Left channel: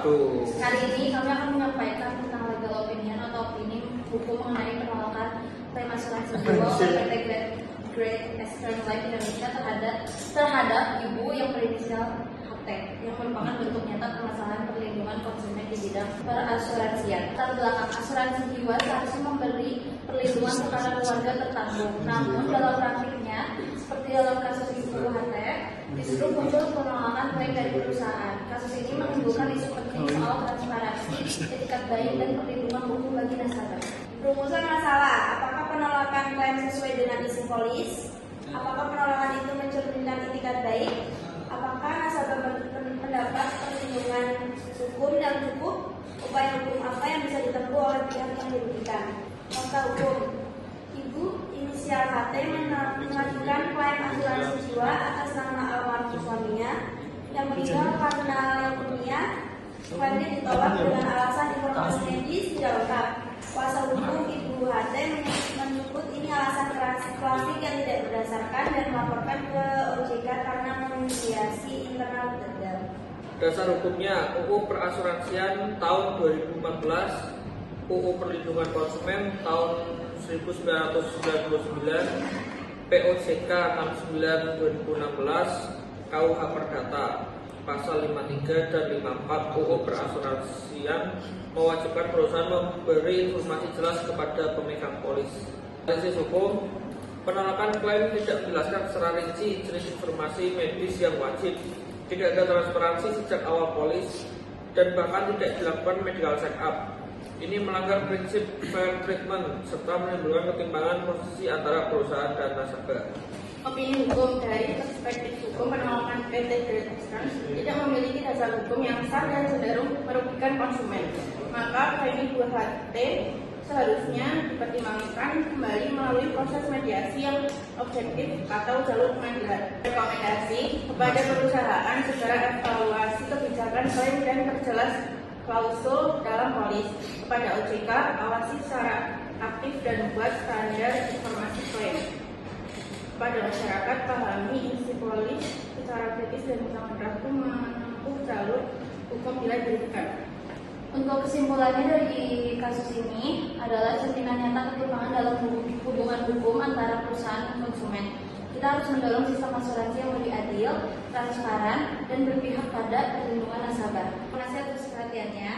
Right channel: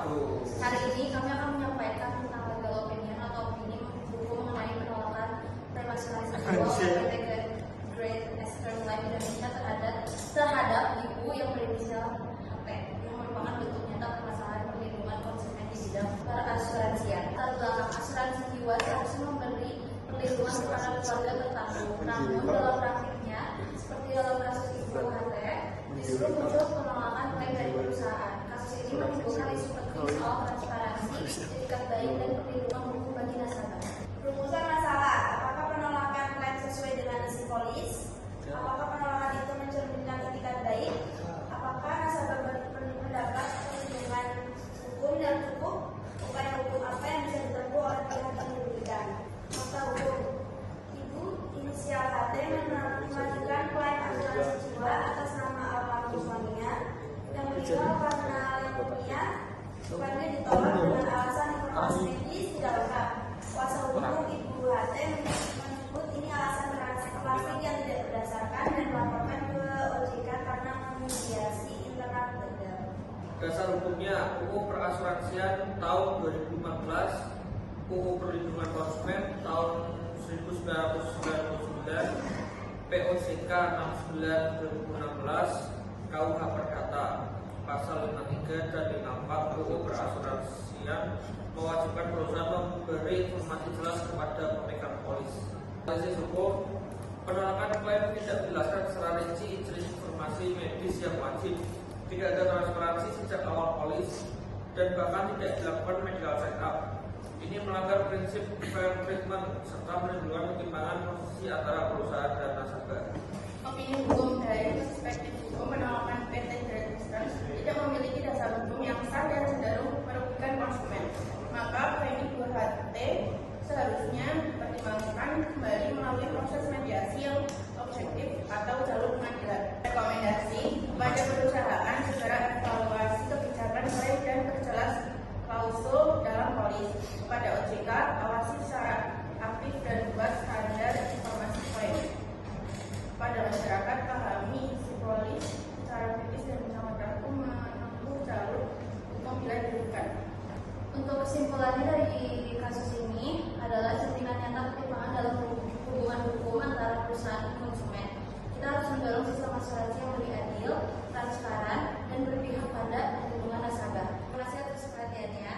wabarakatuh. Hari ini kami akan menyampaikan tentang legal opinion atau opini buku mengenai penolakan klaim asuransi jiwa oleh PT Great Eastern Life Indonesia terhadap ibu yang berinisial HT yang merupakan bentuk nyata permasalahan perlindungan konsumen di bidang perasuransian. Latar belakang asuransi jiwa seharusnya memberi perlindungan kepada keluarga tertanggung. Namun dalam praktiknya, seperti dalam kasus ibu HT, justru muncul penolakan klaim dari perusahaan. Kasus ini menimbulkan isu penting soal transparansi, etikat baik, dan perlindungan hukum bagi nasabah. Rumusan masalah, apakah penolakan klaim sesuai dengan isi polis? Apakah penolakan itu mencerminkan etikat baik? Apakah nasabah mendapat perlindungan hukum yang cukup? Upaya hukum apa yang bisa ditempuh oleh pihak yang dirugikan? Fakta hukum, ibu inisial HT mengajukan klaim asuransi jiwa atas nama almarhum suaminya yang meninggal karena leukemia. Klaimnya ditolak dengan alasan informasi medis tidak lengkap. Kuasa hukum ibu HT menyebut ini alasan klasik yang tidak berdasarkan dan melaporkan ke OJK karena memediasi internal gagal. Dasar hukumnya UU Perasuransian tahun 2014, UU Perlindungan Konsumen tahun 1999, POJK 69 2016, KUH Perdata pasal 53 dan 54 UU Perasuransian mewajibkan perusahaan memberi informasi jelas kepada pemegang polis. Analisis hukum, penolakan klaim tidak menjelaskan secara rinci jenis informasi medis yang wajib, tidak ada transparansi sejak awal polis, dan bahkan tidak dilakukan medical check up. Ini melanggar prinsip fair treatment serta menimbulkan ketimpangan posisi antara perusahaan dan nasabah. Opini hukum dari perspektif hukum, penolakan PT Great Eastern tidak memiliki dasar hukum yang sah dan cenderung merugikan konsumen. Maka klaim ibu HT seharusnya dipertimbangkan kembali melalui proses mediasi yang objektif atau jalur pengadilan. Rekomendasi kepada perusahaan secara evaluasi kebijakan klaim dan perjelas klausul dalam polis. Kepada OJK, awasi secara aktif dan buat standar informasi klaim. Pada masyarakat, pahami isi polis secara kritis dan sangat berlaku menempuh jalur hukum bila dirugikan. Untuk kesimpulannya dari kasus ini adalah cerminan nyata ketimpangan dalam hubungan hukum antara perusahaan dan konsumen. Kita harus mendorong sistem asuransi yang lebih adil, transparan, dan berpihak pada perlindungan nasabah. Terima kasih atas perhatiannya.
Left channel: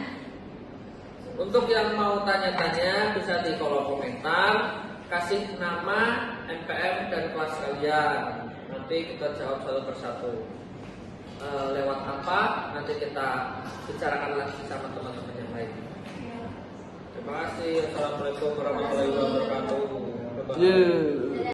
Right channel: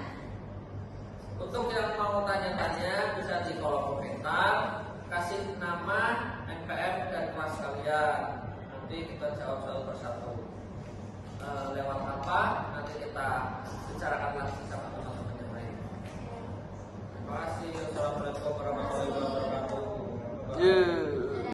Untuk yang mau tanya-tanya bisa di kolom komentar, kasih nama, NPM, dan kelas kalian. Nanti kita jawab satu persatu. Lewat apa? Nanti kita bicarakan lagi sama teman-teman yang lain. Terima kasih. Assalamualaikum warahmatullahi wabarakatuh.